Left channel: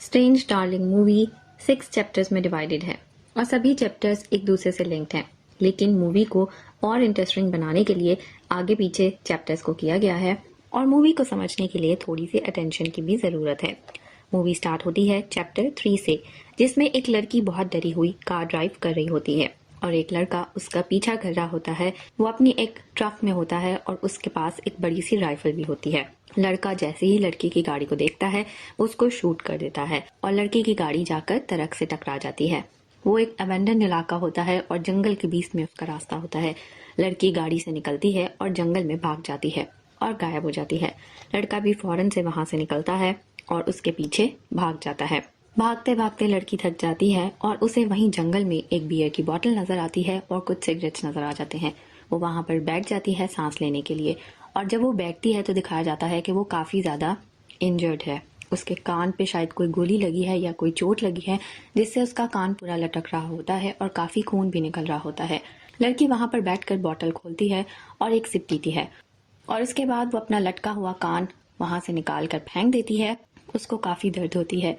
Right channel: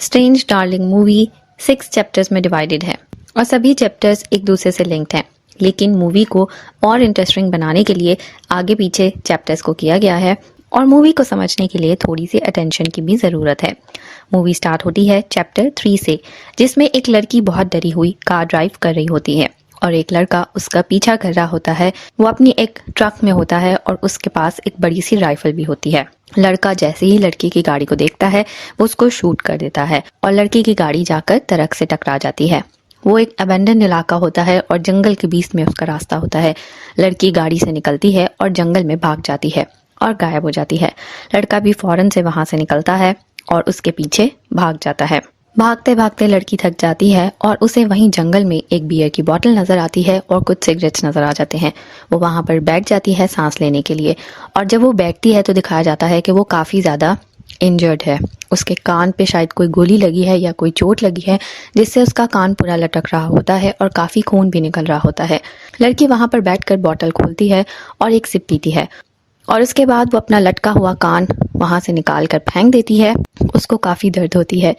Strange darling movie 6 chapters में divided है और सभी चैप्टर्स एक दूसरे से लिंक्ड हैं। लेकिन मूवी को और इंटरेस्टिंग बनाने के लिए आगे पीछे चैप्टर्स को किया गया है और मूवी को समझने के लिए थोड़ी सी अटेंशन की भी ज़रूरत है। मूवी स्टार्ट होती है चैप्टर 3 से, जिसमें एक लड़की बहुत डरी हुई कार ड्राइव कर रही होती है और एक लड़का उसका पीछा कर रहा होता है। वो अपनी एक ट्रक में होता है और उसके पास एक बड़ी सी राइफल भी होती है। लड़का जैसे ही लड़की की गाड़ी को देखता है वो उसको शूट कर देता है और लड़की की गाड़ी जाकर ट्रक से टकरा जाती है। वो एक अबेंडन इलाका होता है और जंगल के बीच में उसका रास्ता होता है। लड़की गाड़ी से निकलती है और जंगल में भाग जाती है और गायब हो जाती है। लड़का भी फौरन से वहां से निकलता है और उसके पीछे भाग जाता है। भागते भागते लड़की थक जाती है और उसे वहीं जंगल में एक बियर की बोतल नजर आती है और कुछ सिगरेट्स नजर आ जाते हैं। वो वहां पर बैठ जाती है सांस लेने के लिए और जब वो बैठती है तो दिखाया जाता है कि वो काफी ज्यादा इंजर्ड है। उसके कान पे शायद कोई गोली लगी है या कोई चोट लगी है, जिससे उसका कान पूरा लटक रहा होता है और काफी खून भी निकल रहा होता है। लड़की वहां पर बैठकर बोतल खोलती है और एक सिप पीती है और उसके बाद वो अपना लटका हुआ कान वहां से निकाल कर फेंक देती है। उसको काफी दर्द होती है।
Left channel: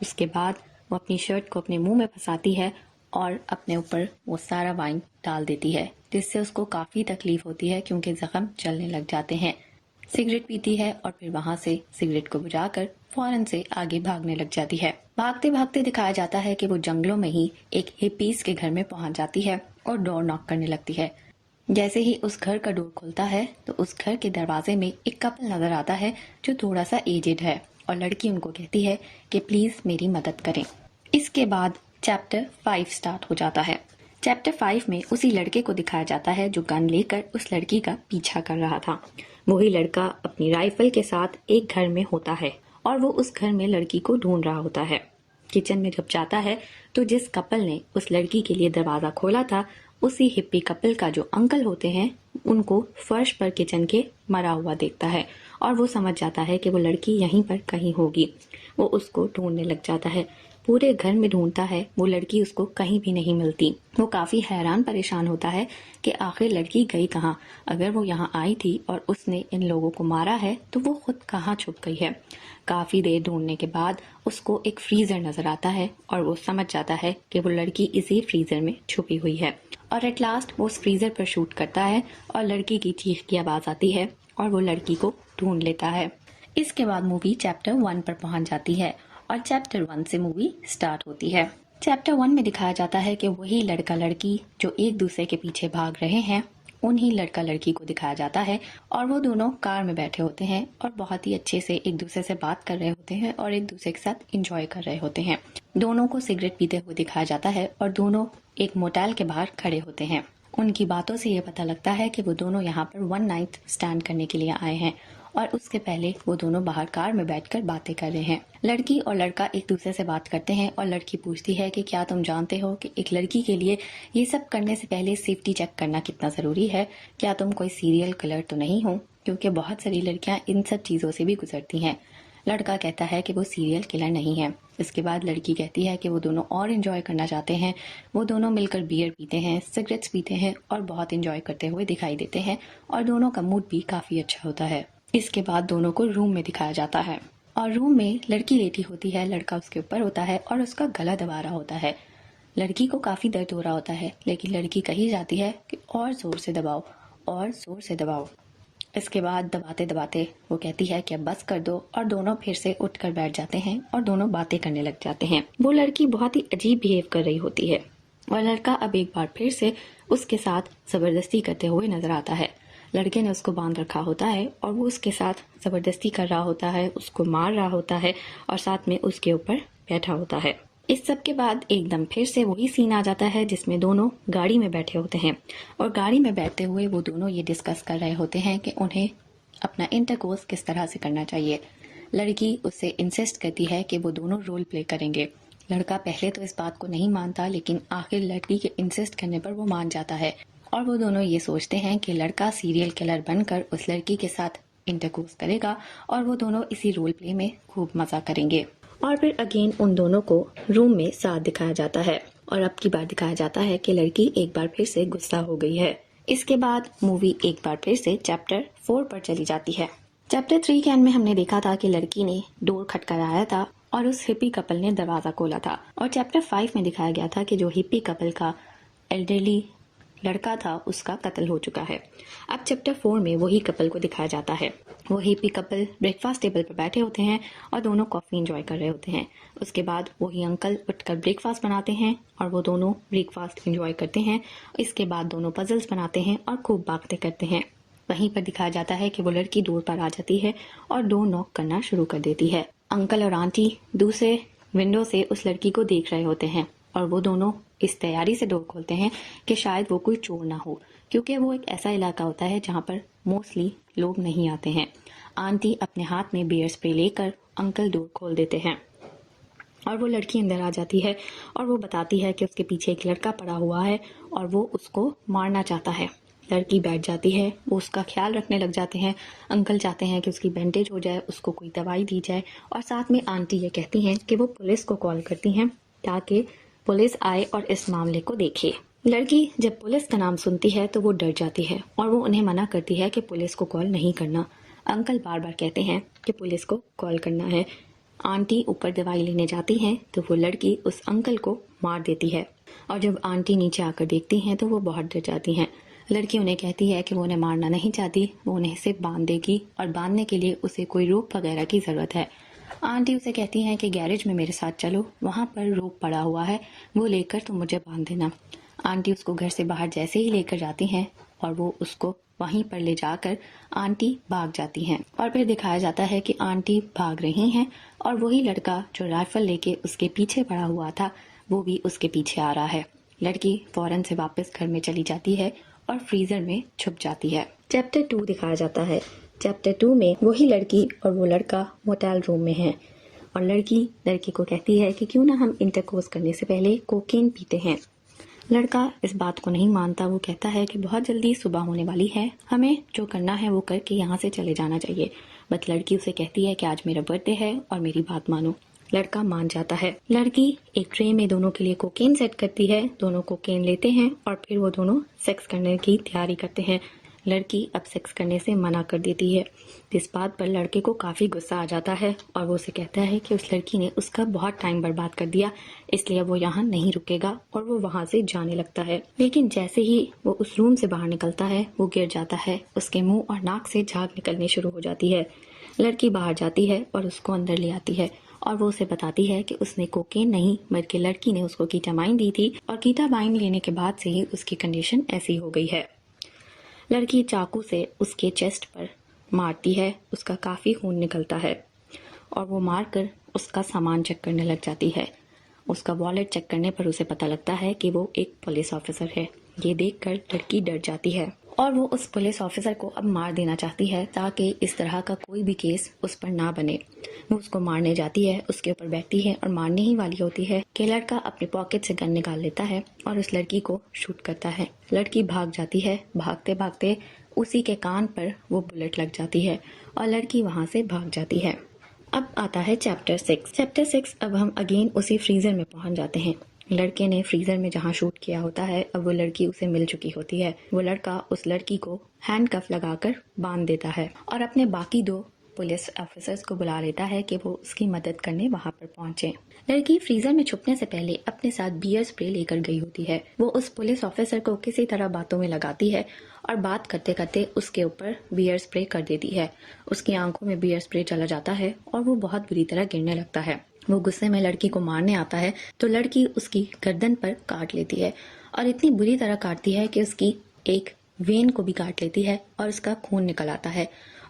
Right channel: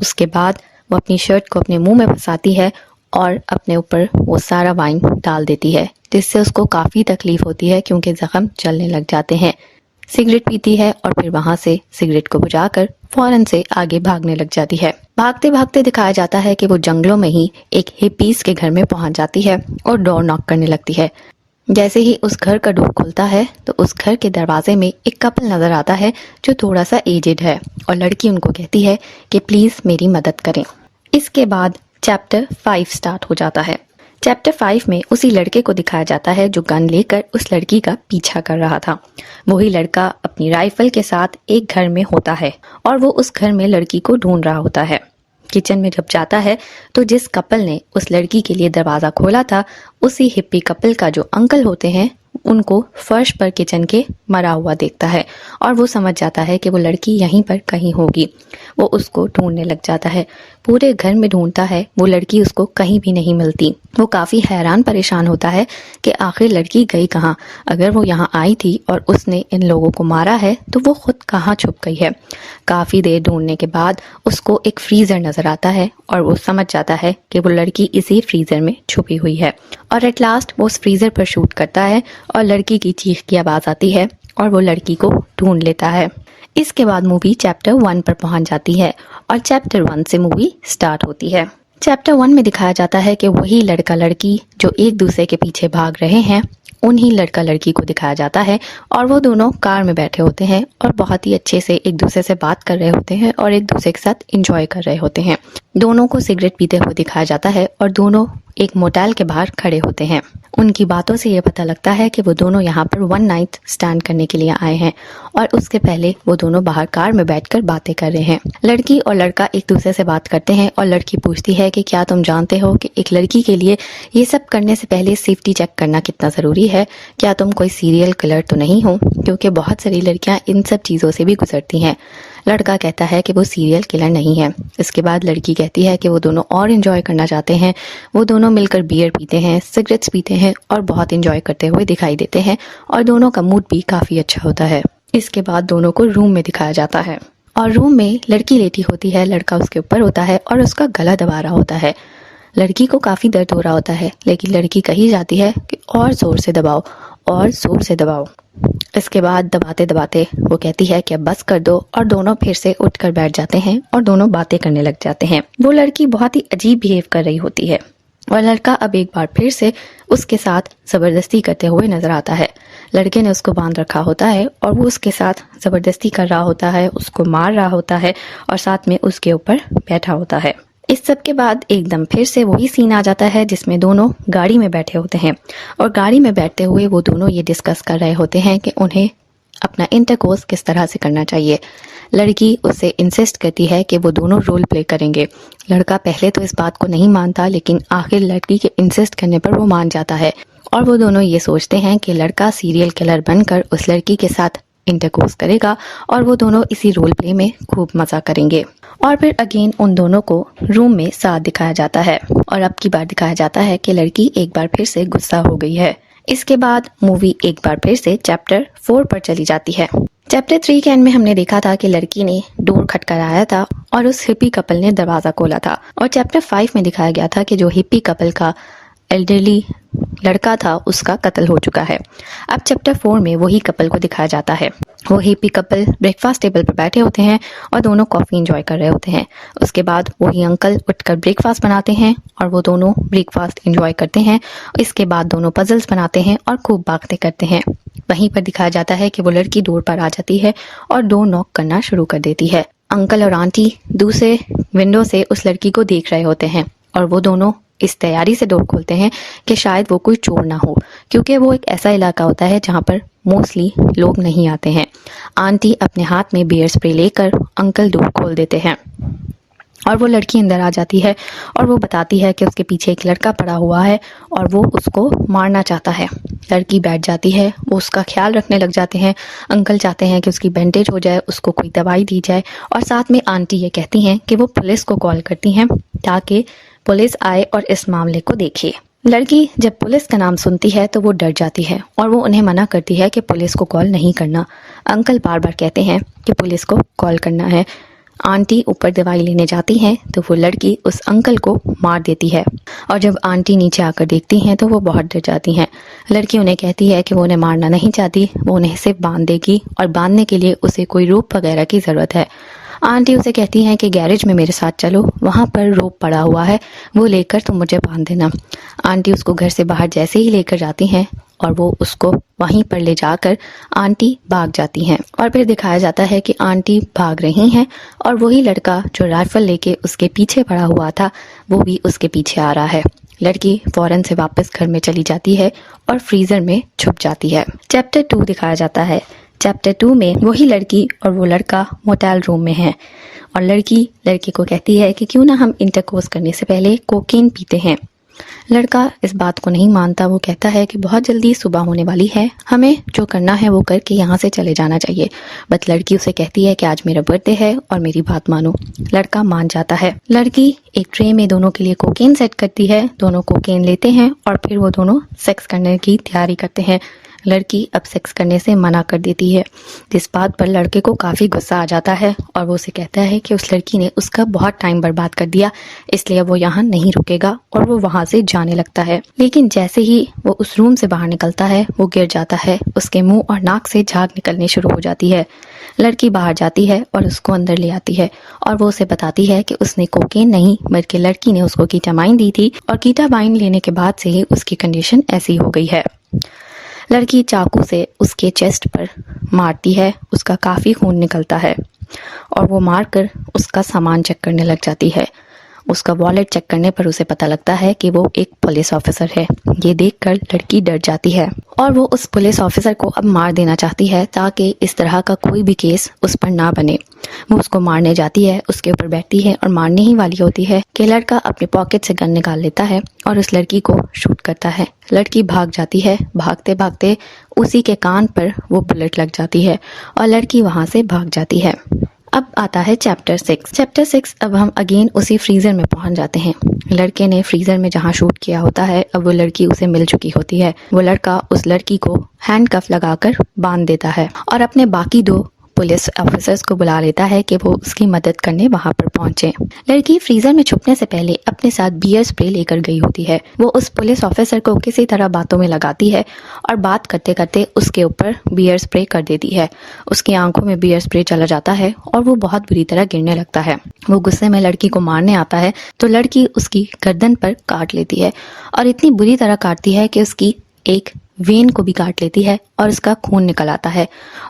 उसके बाद वो अपनी शर्ट को अपने मुंह में फंसाती है और अपने ऊपर वो सारा वाइन डाल देती है, जिससे उसको काफी तकलीफ होती है क्योंकि जख्म चलने लग जाते हैं। सिगरेट पीती है और फिर वहां से सिगरेट को बुझाकर फौरन से आगे भागने लग जाती है। भागते भागते दिखाया जाता है कि वो जंगलों में ही एक हिप्पीज के घर में पहुंच जाती है और डोर नॉक करने लगती है। जैसे ही उस घर का डोर खुलता है तो उस घर के दरवाजे में एक कपल नजर आता है जो थोड़ा सा एजेड है और लड़की उनको कहती है कि प्लीज मेरी मदद करें। इसके बाद चैप्टर 5 स्टार्ट हो जाता है। चैप्टर 5 में उसी लड़के को दिखाया जाता है जो गन लेकर उस लड़की का पीछा कर रहा था। वही लड़का अपनी राइफल के साथ एक घर में होता है और वो उस घर में लड़की को ढूंढ रहा होता है। किचन में जब जाता है तो जिस कपल ने उस लड़की के लिए दरवाजा खोला था, उसी हिप्पी कपल का जो अंकल होते हैं, उनको फर्श पर किचन के मरा हुआ देखता है और वो समझ जाता है कि वो लड़की यहीं पर कहीं होगी। वो उसको ढूंढने लग जाता है, पूरे घर में ढूंढता है, वो लड़की उसको कहीं भी नहीं मिलती। वो काफी हैरान परेशान होता है कि आखिर लड़की गई कहाँ। अगर वो यहाँ आई थी और उसने इन लोगों को मारा है तो वो खुद कहाँ छुप गई है। काफी देर ढूंढने के बाद उसको एक फ्रीजर नजर आता है और वो समझ जाता है कि वो लड़की इसी फ्रीजर में छुपी हुई है और एट लास्ट वो उस फ्रीजर पर शूट करता है और लड़की की चीख की आवाज आती है और वो लड़की को ढूंढ लेता है। इसके बाद मूवी चैप्टर 1 पर पहुंच जाती है और चैप्टर 1 से मूवी स्टार्ट होती है। चैप्टर 1 में दिखाया जाता है कि वही लड़का लड़की जो एक दूसरे के पीछे भाग रहे हैं, उन्हीं लड़का लड़की को दिखाया जाता है और वो दोनों कार में बैठे होते हैं और बहुत ही अच्छे से एक दूसरे से बात कर रहे होते हैं और एक दूसरे के साथ एंजॉय कर रहे होते हैं। दोनों को सिगरेट पीते हुए दिखाया जाता है और दोनों एक मोटेल के बाहर खड़े होते हैं। उनकी बातों से ये पता लगता है कि वो दोनों यहाँ पर 1 नाइट स्टैंड करने के लिए आए हैं और उसके पहले वो दोनों बाहर कार में बैठकर बातें कर रहे हैं। लड़की और लड़का एक दूसरे से बात करते हैं और लड़की पूछती है कि क्या तुम जानते हो कि एक लड़की के लिए ये सब करने से पहले सेफ्टी चेक करना कितना ज़रूरी है। क्या तुम कोई सीरियल किलर तो नहीं हो, क्योंकि बहुत सारी लड़कियां इन सब चीज़ों से भी गुजरती हैं। लड़का कहता है कि वो सीरियल किलर नहीं है। इसके बाद लड़की कहती है कि वो दोनों और एंजॉय करना चाहते हैं। वो दोनों मिलकर बियर पीते हैं, सिगरेट्स पीते हैं और बहुत एंजॉय करते हुए दिखाई देते हैं और दोनों का मूड भी काफ़ी अच्छा होता है। इसके बाद दोनों को रूम में दिखाया जाता है और रूम में लड़की लेटी होती है, लड़का उसके ऊपर होता है और उसका गला दबा रहा होता है। लड़की को काफ़ी दर्द हो रहा होता है, लेकिन लड़की कही जाती है कि और ज़ोर से दबाओ और ज़ोर से दबाओ। इसके बाद दबाते दबाते वो कहती है कि अब बस कर दो और दोनों फिर से उठकर बैठ जाते हैं और दोनों बातें करने लग जाते हैं। वो लड़की बहुत ही अजीब बिहेव कर रही होती है और लड़का अब एक बार फिर से उसके साथ ज़बरदस्ती करते हुए नजर आता है। लड़के ने उसको बांध रखा होता है और वो उसके साथ ज़बरदस्ती कर रहा होता है, उसको मार रहा होता है और साथ में उसके ऊपर बैठा होता है। इस सब के बाद एकदम फिर से वही सीन आ जाता है जिसमें दोनों गाड़ी में बैठे होते हैं और गाड़ी में बैठते हुए वो दोनों ये डिस्कस कर रहे होते हैं कि उन्हें अपना इंटरकोर्स किस तरह से करना चाहिए। लड़की उससे इंसिस्ट करती है कि वो दोनों रोल प्ले करेंगे। लड़का पहले तो इस बात को नहीं मानता, लेकिन आखिर लड़की के इंसिस्ट करने पर वो मान जाता है और वो दोनों ये सोचते हैं कि लड़का सीरियल किलर बनकर उस लड़की के साथ इंटरकोर्स करेगा और वो दोनों इसी रोल प्ले में खूब मजा करेंगे। और फिर अगेन उन दोनों को रूम में साथ दिखाया जाता है और अब की बार दिखाया जाता है कि लड़की एक बार फिर से गुस्सा हो गई है। इसके बाद मूवी एक बार फिर से चैप्टर 4 पर चली जाती है। चैप्टर 3 के एंड में हमने देखा था कि लड़की ने डोर खटखटाया था और उस हिप्पी कपल ने दरवाजा खोला था, और चैप्टर 5 में दिखाया गया था कि जो हिप्पी कपल का एल्डरली लड़का था उसका कत्ल हो चुका है। अब चैप्टर 4 में वही कपल को दिखाया जाता है। वो हिप्पी कपल ब्रेकफास्ट टेबल पर बैठे होते हैं और दोनों कॉफ़ी एंजॉय कर रहे होते हैं। उसके बाद वही अंकल उठकर ब्रेकफास्ट बनाते हैं और वो दोनों ब्रेकफास्ट एंजॉय करते हैं। इसके बाद दोनों पजल्स बनाते हैं और खूब बातें करते हैं। वहीं पर दिखाया जाता है कि वो लड़की डोर पर आ जाती है और डोर नॉक करना शुरू कर देती है। अंकल और आंटी दूसरे विंडो से उस लड़की को देख रहे होते हैं और वो दोनों इस तैयारी से डोर खोलते हैं कि शायद वो कोई चोर ना हो, क्योंकि वो एक ऐसा इलाका होता है जहाँ पर मोस्टली लोग नहीं आते हैं। आंटी अपने हाथ में बियर स्प्रे लेकर अंकल डोर खोल देते हैं और वो लड़की अंदर आ जाती है और वो बताती है कि उसके पीछे एक लड़का पड़ा हुआ है और वो उसको मारना चाहता है। लड़की बैठ जाती है, वो उसका ख्याल रखने लग जाते हैं। अंकल चाहते हैं कि उसकी बैंडेज हो जाए, उसको कोई दवाई दी जाए, और साथ में आंटी ये कहती हैं कि वो पुलिस को कॉल करती हैं ताकि पुलिस आए और इस मामले को देखे। लड़की जब पुलिस का नाम सुनती है तो वो डर जाती है और वो उन्हें मना करती है कि पुलिस को कॉल नहीं करना। अंकल बार बार कहते हैं कि पुलिस को कॉल करना है। आंटी ऊपर दवाई लेने जाती हैं तो वो लड़की उस अंकल को मार देती है, और जब आंटी नीचे आकर देखती हैं तो वो बहुत डर जाती हैं। लड़की उन्हें कहती है कि वो उन्हें मारना नहीं चाहती, वो उन्हें सिर्फ बांध देगी और बांधने के लिए उसे कोई रोप वगैरह की ज़रूरत है। आंटी उसे कहती हैं कि गैरेज में मेरे साथ चलो, वहाँ पर रोप पड़ा हुआ है, वो लेकर तुम मुझे बांध देना। आंटी उसको घर से बाहर जैसे ही लेकर जाती हैं और वो उसको वहीं पर ले जाकर आंटी भाग जाती हैं, और फिर दिखाया जाता है कि आंटी भाग रही हैं और वही लड़का जो राइफल लेके उसके पीछे पड़ा हुआ था वो भी उसके पीछे आ रहा है। लड़की फौरन से वापस घर में चली जाती है और फ्रीजर में छुप जाती है। चैप्टर 2 दिखाया जाता है। चैप्टर 2 में वही लड़की और वो लड़का मोटेल रूम में हैं और लड़की लड़के को कहती है कि क्यों ना हम इंटरकोर्स करने से पहले कोकेन पीते हैं। लड़का इस बात को नहीं मानता, वो कहता है कि बहुत जल्दी सुबह होने वाली है, हमें जो करना है वो करके यहाँ से चले जाना चाहिए। बट लड़की उसे कहती है कि आज मेरा बर्थडे है और मेरी बात मानो। लड़का मान जाता है। लड़की एक ट्रे में दोनों के लिए कोकेन सेट करती है, दोनों कोकेन लेते हैं और फिर वो दोनों सेक्स करने की तैयारी करते हैं। लड़की अब सेक्स करने से मना कर देती है, जिस बात पर लड़के को काफ़ी गुस्सा आ जाता है और वो उसे कहता है कि उस लड़की ने उसका बहुत टाइम बर्बाद कर दिया, इसलिए वो यहाँ नहीं रुकेगा, और वो वहाँ से जाने लगता है। लेकिन जैसे ही वो उस रूम से बाहर निकलता है वो गिर जाता है, उसके मुंह और नाक से झाग निकलनी शुरू हो जाती है। लड़की बाहर जाती है और उसको अंदर ले आती है और वो उसे बताती है कि उसने कोकेन नहीं बल्कि लड़की ने उसको कीटामाइन दी थी, और कीटामाइन लेने के बाद से ही उसकी कंडीशन ऐसी हो गई है। लड़की चाकू से उसके चेस्ट पर मारती है, उसका काफ़ी खून निकलता है और वो मारकर उसका सामान चेक करने लग जाती है। उसका वॉलेट चेक करने पर उसे पता लगता है कि वो एक पुलिस ऑफिसर है। ये देखकर लड़की डर जाती है और वो उस पुलिस ऑफिसर को अब मार देना चाहती है ताकि इस तरह का कोई भी केस उस पर ना बने। वो उसको मारने जाती है, उसके ऊपर बैठती है और मारने ही वाली होती है कि लड़का अपने पॉकेट से गन निकाल लेता है और उस लड़की को शूट करता है। लड़की भाग जाती है। भागते भागते उसी के कान पर वो बुलेट लग जाती है और लड़की वहाँ से भाग जाती है। अब आता है चैप्टर 6। चैप्टर 6 अब हम अगेन उसी फ्रीज़र में पहुंच जाते हैं। लड़के ने फ्रीज़र में जहां शूट किया होता है अब वो लड़की उसे मिल चुकी होती है। वो लड़का उस लड़की को हैंडकफ लगाकर बांध देता है और अपने बाकी 2 पुलिस ऑफिसर्स को बुला लेता है कि वो उसकी मदद करने वहां पर पहुंचे। लड़की फ्रीजर में छुपने से पहले अपने साथ बियर स्प्रे लेकर गई होती है। वो उस पुलिस ऑफिसर को किसी तरह बातों में लगाती है और बात करते करते उसके ऊपर बियर स्प्रे कर देती है। उसकी आंखों में बियर स्प्रे चला जाता है और वो बहुत बुरी तरह गिरने लगता है। वो गुस्से में लड़की को मारने आता है तो लड़की उसकी गर्दन पर काट लेती है और इतनी बुरी तरह काटती है कि उसकी एक वेन को भी काट लेती है और उसका खून निकल आता है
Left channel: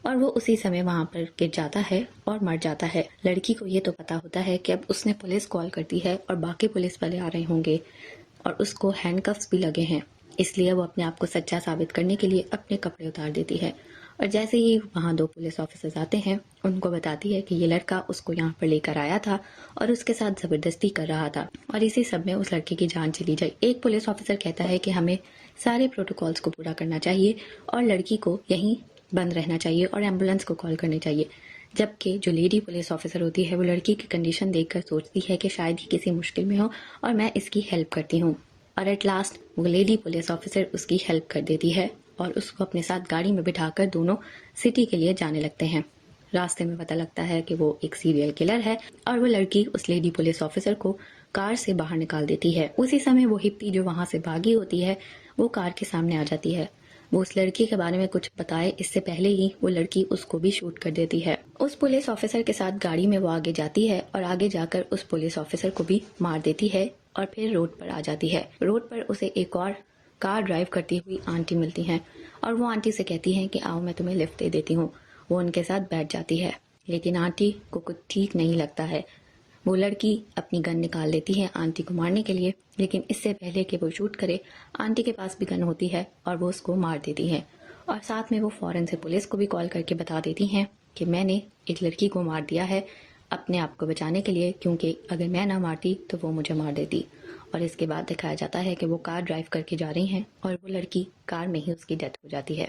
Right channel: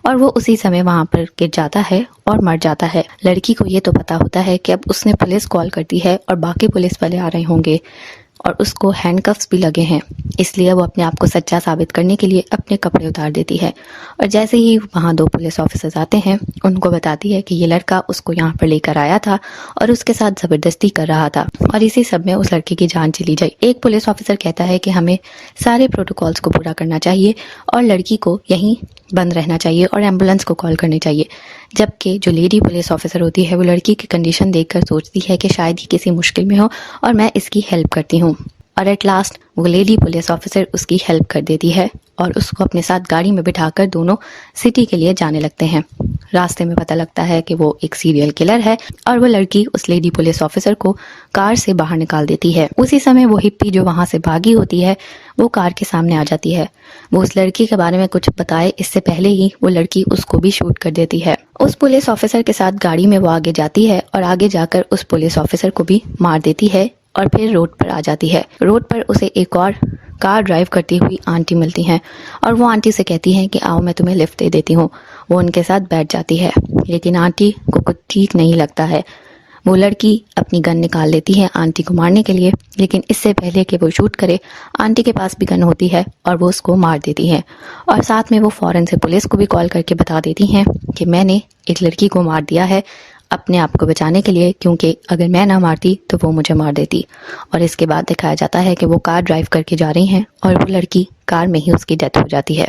और वो उसी समय वहां पर गिर जाता है और मर जाता है। लड़की को ये तो पता होता है कि अब उसने पुलिस कॉल कर दी है और बाकी पुलिस वाले आ रहे होंगे और उसको हैंडकफ्स भी लगे हैं, इसलिए वो अपने आप को सच्चा साबित करने के लिए अपने कपड़े उतार देती है और जैसे ही वहाँ 2 पुलिस ऑफिसर्स आते हैं उनको बताती है कि ये लड़का उसको यहाँ पर लेकर आया था और उसके साथ ज़बरदस्ती कर रहा था और इसी सब में उस लड़के की जान चली जाए। एक पुलिस ऑफिसर कहता है कि हमें सारे प्रोटोकॉल्स को पूरा करना चाहिए और लड़की को यहीं बंद रहना चाहिए और एम्बुलेंस को कॉल करनी चाहिए, जबकि जो लेडी पुलिस ऑफिसर होती है वो लड़की की कंडीशन देखकर सोचती है कि शायद ही किसी मुश्किल में हो और मैं इसकी हेल्प करती हूँ। और एट लास्ट वो लेडी पुलिस ऑफिसर उसकी हेल्प कर देती है और उसको अपने साथ गाड़ी में बिठाकर दोनों सिटी के लिए जाने लगते हैं। रास्ते में पता लगता है कि वो एक सीरियल किलर है और वो लड़की उस लेडी पुलिस ऑफिसर को कार से बाहर निकाल देती है। उसी समय वो हिप्पी जो वहां से भागी होती है वो कार के सामने आ जाती है। वो उस लड़की के बारे में कुछ बताए इससे पहले ही वो लड़की उसको भी शूट कर देती है। उस पुलिस ऑफिसर के साथ गाड़ी में वो आगे जाती है और आगे जाकर उस पुलिस ऑफिसर को भी मार देती है और फिर रोड पर आ जाती है। रोड पर उसे एक और कार ड्राइव करती हुई आंटी मिलती हैं और वो आंटी से कहती हैं कि आओ मैं तुम्हें लिफ्ट दे देती हूँ। वो उनके साथ बैठ जाती है, लेकिन आंटी को कुछ ठीक नहीं लगता है। वो लड़की अपनी गन निकाल लेती है आंटी को मारने के लिए, लेकिन इससे पहले कि वो शूट करे आंटी के पास भी गन होती है और वो उसको मार देती है। और साथ में वो फ़ौरन से पुलिस को भी कॉल करके बता देती हैं कि मैंने एक लड़की को मार दिया है अपने आप को बचाने के लिए, क्योंकि अगर मैं ना मारती तो वो मुझे मार देती। और इसके बाद दिखाया जाता है कि वो कार ड्राइव करके जा रही हैं और वो लड़की कार में ही उसकी डेथ हो जाती है।